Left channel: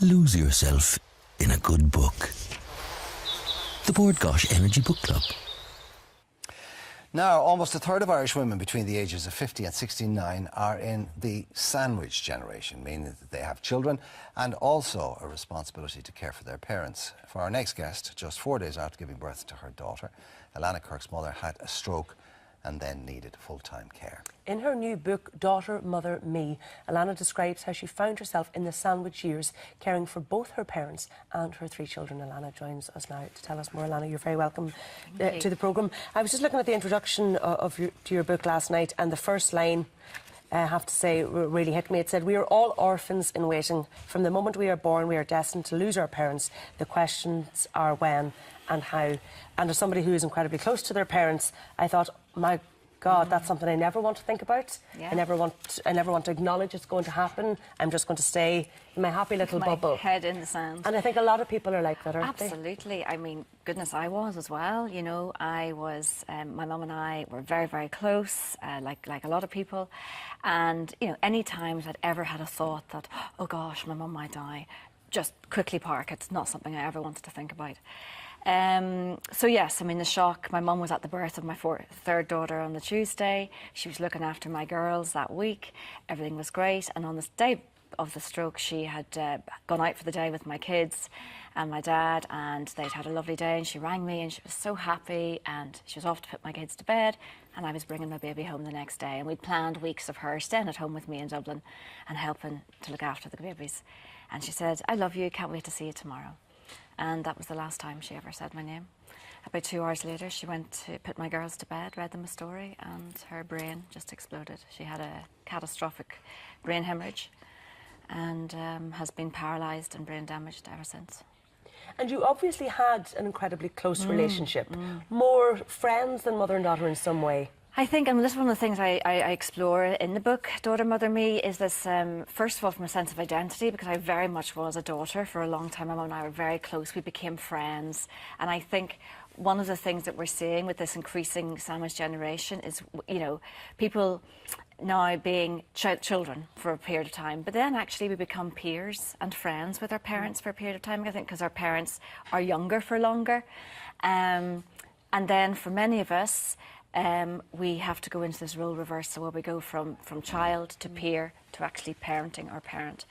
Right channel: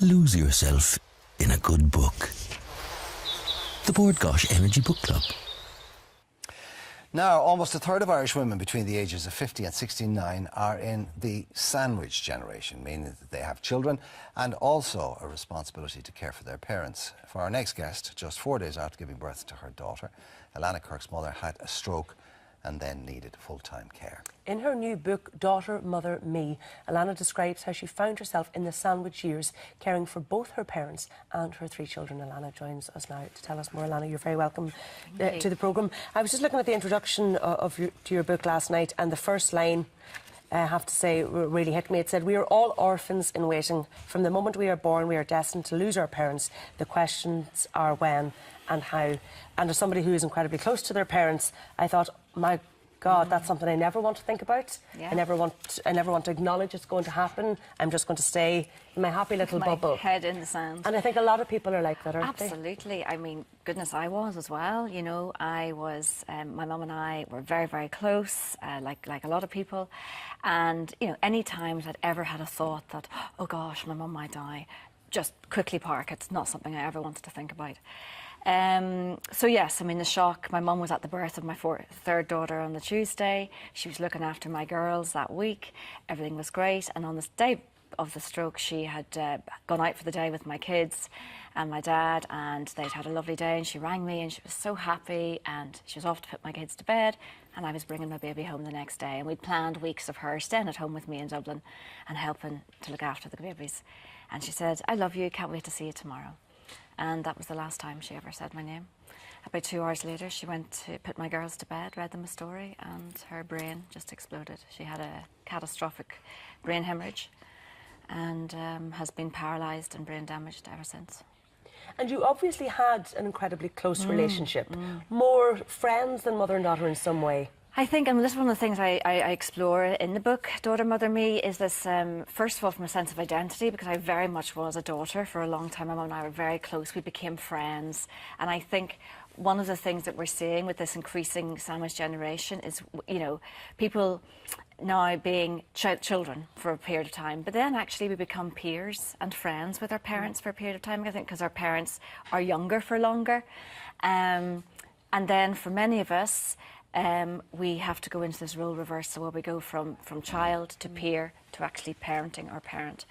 Lose yourself in a good book. The Board Gosh Energy Book Club. Now, almost a third of Irish women between the ages of 50 and 69 are in the sandwich generation, meaning that they have children and also a responsibility to care for their parents. For our next guest, just 4 days after giving birth to her daughter, Alana Kirk's mother had a stroke and then needed full-time care. In her new book, Daughter, Mother, Me, Alana describes how she found herself in the sandwich years, caring for both her parents and her 3 children. Alana joins us now to tell us more. Alana, you're very welcome to the programme. I was just looking at the introduction to your book last night, and the first line, I have to say, really hit me. It said, "We are all orphans in waiting. From the moment we are born, we are destined to lose our parents. The questions are when and how." And as somebody who is incredibly close to their parents, I thought, my God, that's something I never want to think about. Yeah. I never want to acknowledge it's going to happen. I'm just going to stay in my happy little bubble. Head in the sand. And I think a lot of people are like that, aren't Absolutely. I mean, goodness, I was as well. You know, I was, my mum and I were very, very close, like a lot of people. And, you know, any time I'd ever had a thought that, oh gosh, my mum might die, just quickly park. It's not something I ever wanted to think about. So yes, I mean, the shock. My mum was at the birth of my third daughter on the Tuesday. She was looking after my girls that week. Everything was great. And on the day of the stroke, she had gone out for the day with my kids and my dad, and they'd had a lovely day. And she rang me and she was so happy, and she was off to put my kids to bed, and I was bringing my baby home the next day. And we'd planned weeks of her staying at home with me in Dublin and helping to look after the babies. And she said, "I love you, can't wait to see you tomorrow." And that was the last time she ever said my name. About 2 hours later, she went to put my girls to bed, read them a story, and her brain just exploded. She had a catastrophic brain hemorrhage and has been paralysed and brain damaged ever since. And you obviously had an incredibly close relationship. More friends than mother and daughter in some way. I think, and this is one of the things I explore in the book, Daughter, Mother, Me, is this, first of all, from a sense of identity, because I very much was a daughter for a long time. My mum and I were very close. We became friends. And I think one of the things that we're seeing with this increasing sandwich generation is, you know, people now being children for a period of time, but then actually we become peers and friends with our parents for a period of time, I think, because our parents are younger for longer. And then for many of us, we have to go into this role reversal where we go from child to peer to actually parenting our parent.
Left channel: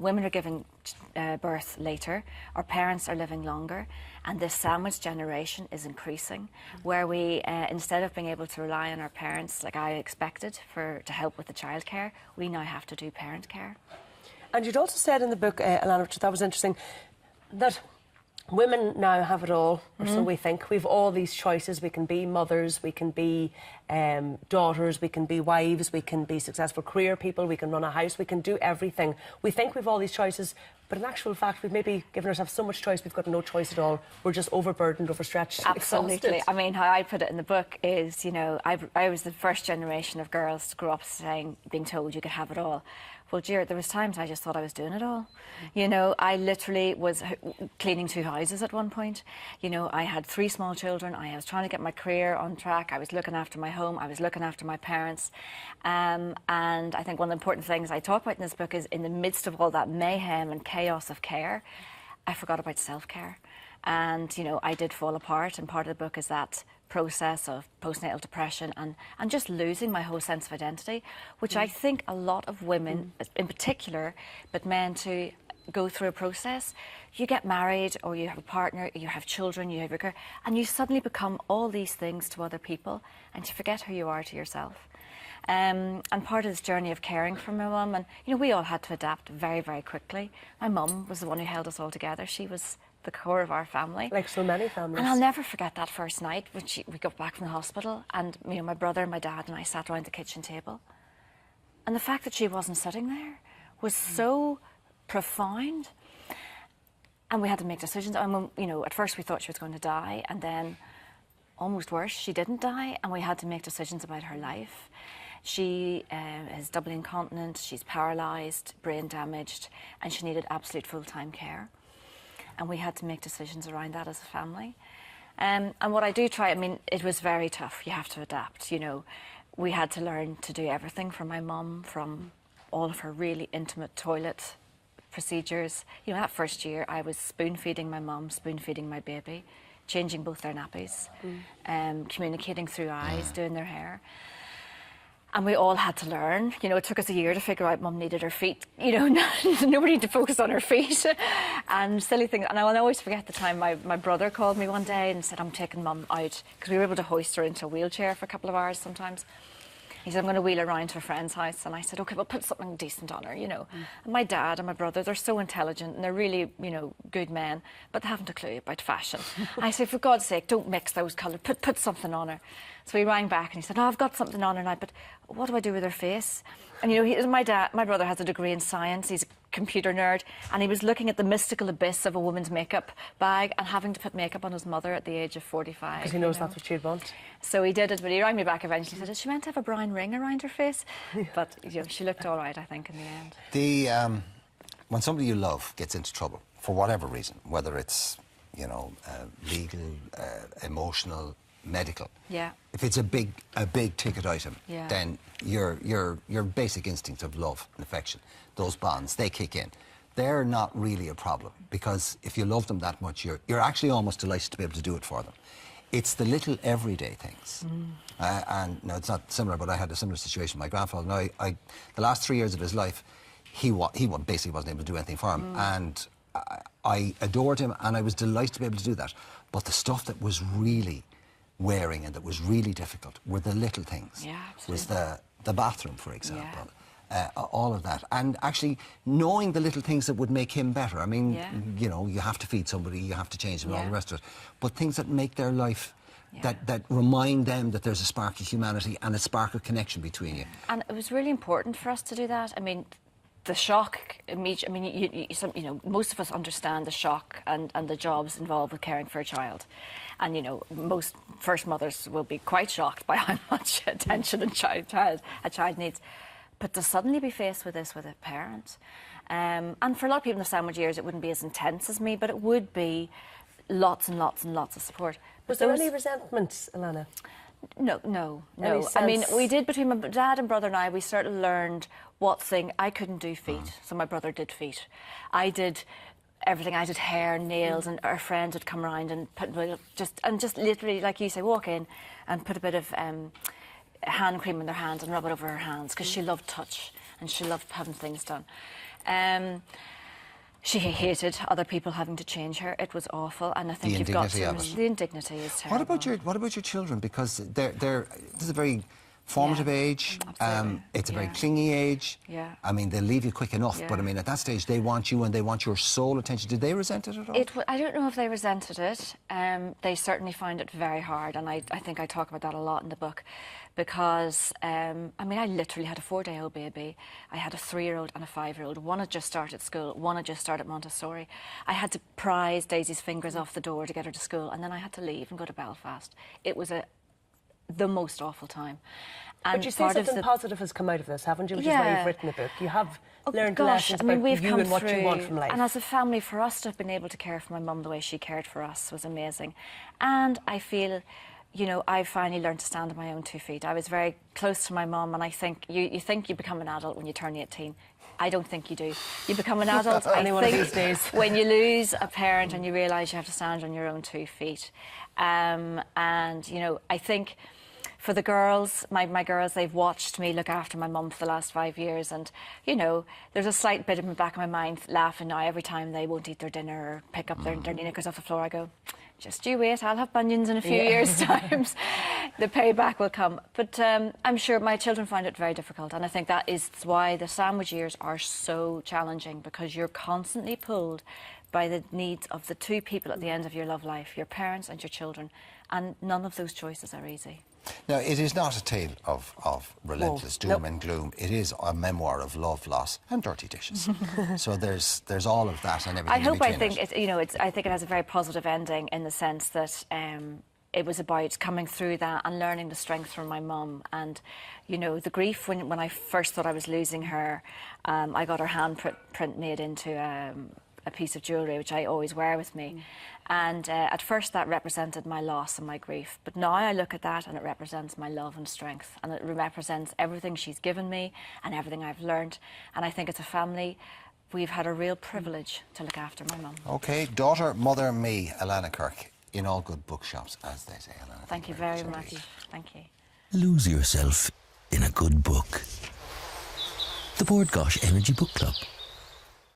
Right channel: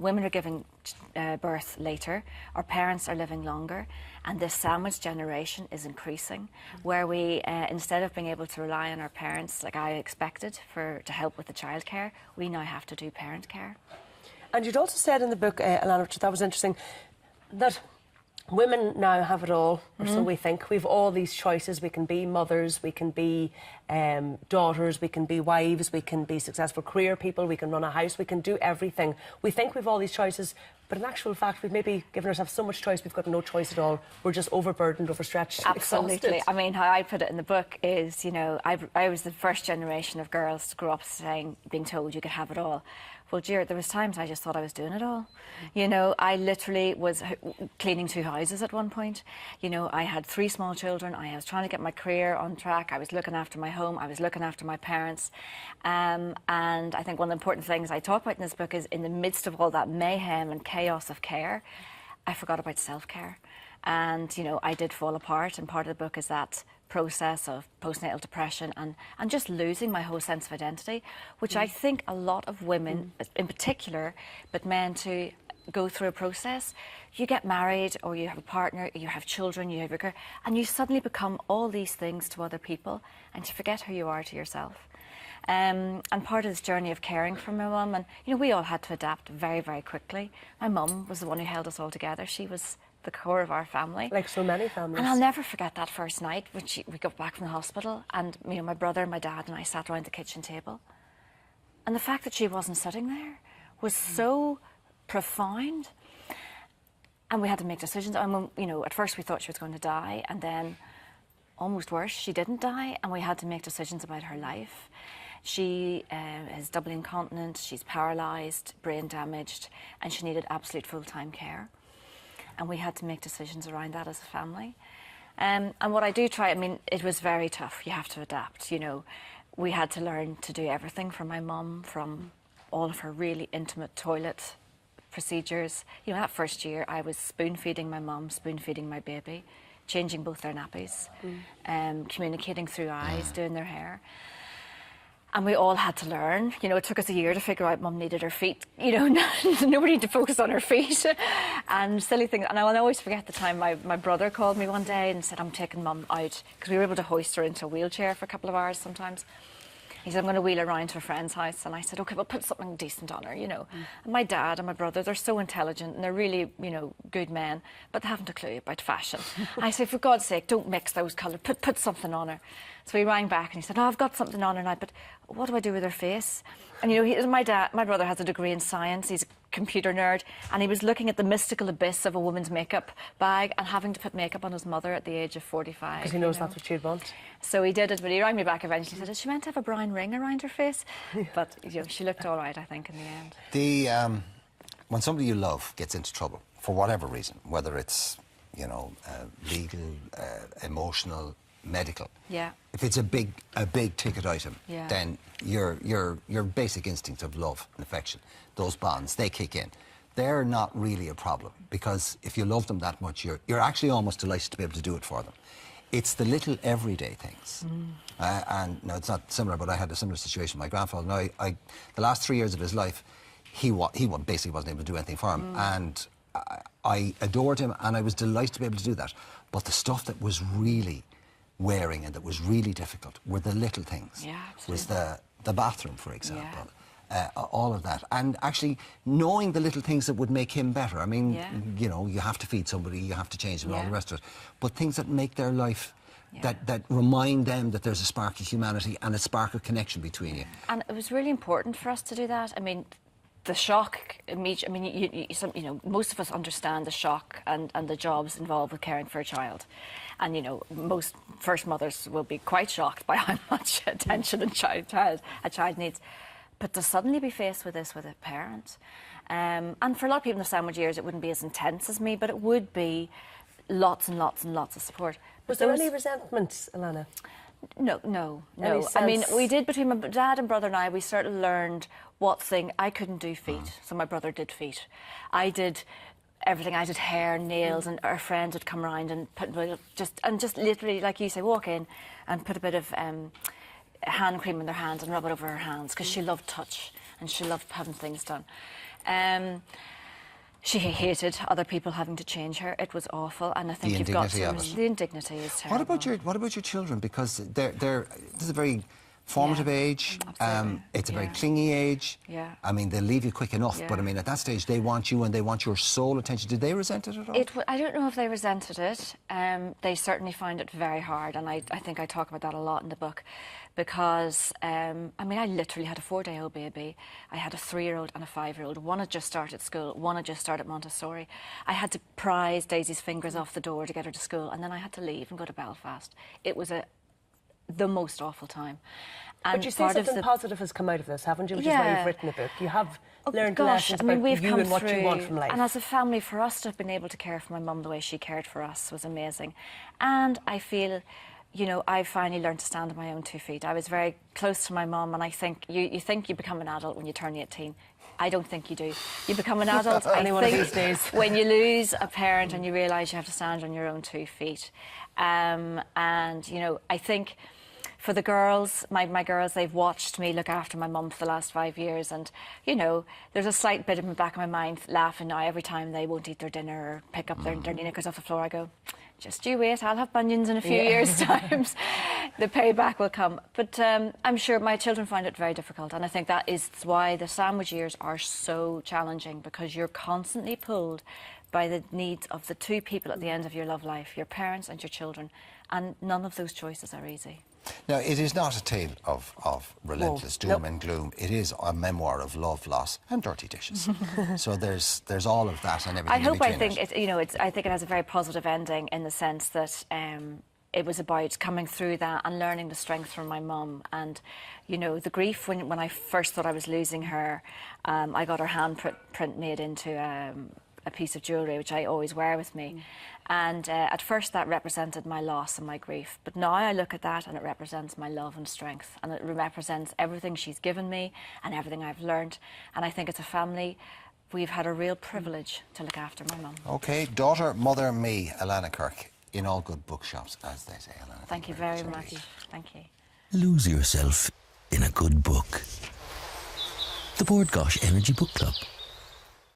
Women are giving birth later, our parents are living longer, and this sandwich generation is increasing, where we, instead of being able to rely on our parents like I expected to help with the childcare, we now have to do parent care. And you'd also said in the book, Alana, which I thought was interesting, that women now have it all, or so we think. We've all these choices. We can be mothers, we can be daughters, we can be wives, we can be successful career people, we can run a house, we can do everything. We think we've all these choices, but in actual fact, we've maybe given ourselves so much choice, we've got no choice at all. We're just overburdened, overstretched, Absolutely. exhausted. I mean, how I put it in the book is, you know, I was the first generation of girls to grow up being told you could have it all. Well, dear, there was times I just thought I was doing it all. You know, I literally was cleaning 2 houses at one point. You know, I had 3 small children. I was trying to get my career on track. I was looking after my home. I was looking after my parents. And I think one of the important things I talk about in this book is in the midst of all that mayhem and chaos of care, I forgot about self-care. And, you know, I did fall apart. And part of the book is that process of postnatal depression and just losing my whole sense of identity, which I think a lot of women in particular, but men too, go through a process. You get married or you have a partner, you have children, you have your career, and you suddenly become all these things to other people and you forget who you are to yourself. And part of this journey of caring for my mum, and you know, we all had to adapt very, very quickly. My mum was the one who held us all together. She was the core of our family. Like so many families. And I'll never forget that first night when we got back from the hospital, and you know, my brother, my dad and I sat around the kitchen table. And the fact that she wasn't sitting there was so profound. And we had to make decisions. And you know, at first we thought she was going to die, and then almost worse, she didn't die, and we had to make decisions about her life. She is doubly incontinent, she's paralysed, brain damaged, and she needed absolute full-time care. And we had to make decisions around that as a family. And what I do try, I mean, it was very tough. You have to adapt, you know. We had to learn to do everything for my mum, from all of her really intimate toilet procedures. You know, that first year I was spoon feeding my mum, spoon feeding my baby, changing both their nappies, communicating through eyes, doing their hair. And we all had to learn. You know, it took us a year to figure out Mum needed her feet. You know, nobody to focus on her feet. And silly things. And I'll always forget the time my brother called me one day and said, I'm taking Mum out. Because we were able to hoist her into a wheelchair for a couple of hours sometimes. He said, I'm going to wheel her around to a friend's house. And I said, OK, well, put something decent on her, you know. And my dad and my brother, they're so intelligent and they're really, you know, good men, but they haven't a clue about fashion. And I said, for God's sake, don't mix those colours. Put something on her. So he rang back and he said, oh, I've got something on her now, but what do I do with her face? And, you know, my brother has a degree in science. He's a computer nerd. And he was looking at the mystical abyss of a woman's makeup bag and having to put makeup on his mother at the age of 45. Because he knows that's what she'd want. So he did it, but he rang me back eventually and said, is she meant to have a brown ring around her face? But, you know, she looked all right, I think, in the end. When somebody you love gets into trouble, for whatever reason, whether it's, you know, legal, emotional, medical. Yeah. If it's a big ticket item, yeah. then your basic instincts of love and affection, those bonds, they kick in. They're not really a problem because if you love them that much, you're actually almost delighted to be able to do it for them. It's the little everyday things. And no, it's not similar, but I had a similar situation with my grandfather. Now, the last 3 years of his life, he basically wasn't able to do anything for him, and I adored him, and I was delighted to be able to do that. But the stuff that was really wearing and that was really difficult were the little things. Yeah, was the bathroom, for example. All of that, and actually knowing the little things that would make him better. I mean, you know, you have to feed somebody, you have to change them, all the rest of it. But things that make their life, that remind them that there's a spark of humanity and a spark of connection between you. And it was really important for us to do that. I mean, the shock, I mean, you know, most of us understand the shock and the jobs involved with caring for a child. And, you know, most first mothers will be quite shocked by how much attention a child needs. But to suddenly be faced with this with a parent, and for a lot of people in the sandwich years, it wouldn't be as intense as me, but it would be lots and lots and lots of support. Was there any resentment, Alana? No. Any I mean, sense? we did, between my dad and brother and I, we sort of learned what thing. I couldn't do feet, so my brother did feet. I did everything. I did hair, nails, and our friend would come around and just literally, like you say, walk in and put a bit of hand cream in their hands and rub it over her hands because she loved touch and she loved having things done. She hated other people having to change her. It was awful, and I think you've got the indignity is terrible. What about your children? Because this is a very formative age. It's a very clingy age. Yeah. I mean, they'll leave you quick enough, but I mean, at that stage, they want you and they want your sole attention. Did they resent it at all? I don't know if they resented it. They certainly found it very hard, and I think I talk about that a lot in the book. Because, I mean, I literally had a 4-day-old baby. I had a 3-year-old and a 5-year-old. One had just started school. One had just started Montessori. I had to prise Daisy's fingers off the door to get her to school, and then I had to leave and go to Belfast. It was the most awful time. And but you say something positive has come out of this, haven't you? Which is why you've written the book. You have learned lessons about you and what you want from life. And as a family, for us to have been able to care for my mum the way she cared for us was amazing. And I feel, you know, I finally learned to stand on my own 2 feet. I was very close to my mum, and I think you think you become an adult when you turn 18. I don't think you do. You become an adult, I think, when you lose a parent and you realise you have to stand on your own 2 feet. And, you know, I think for the girls, my girls, they've watched me look after my mum for the last 5 years, and, you know, there's a slight bit in the back of my mind laughing now every time they won't eat their dinner or pick up their knickers off the floor. I go, just you wait, I'll have bunions in a few years' time. The payback will come. But I'm sure my children find it very difficult, and I think that is why the sandwich years are so challenging, because you're constantly pulled by the needs of the 2 people at the end of your love life, your parents and your children, and none of those choices are easy. Now, it is not a tale of relentless doom and gloom. It is a memoir of love, loss, and dirty dishes. So there's all of that and everything. I think I think it has a very positive ending in the sense that it was about coming through that and learning the strength from my mum. And, you know, the grief when I first thought I was losing her, I got her handprint made into a piece of jewellery, which I always wear with me. And at first that represented my loss and my grief. But now I look at that and it represents my love and strength. And it represents everything she's given me and everything I've learned. And I think it's a family we've had a real privilege to look after my mum. Okay, daughter, mother, me, Alana Kirk, in all good bookshops, as they say. Alana, Thank you very much. Thank you. Lose yourself in a good book. The Board Gosh Energy Book Club.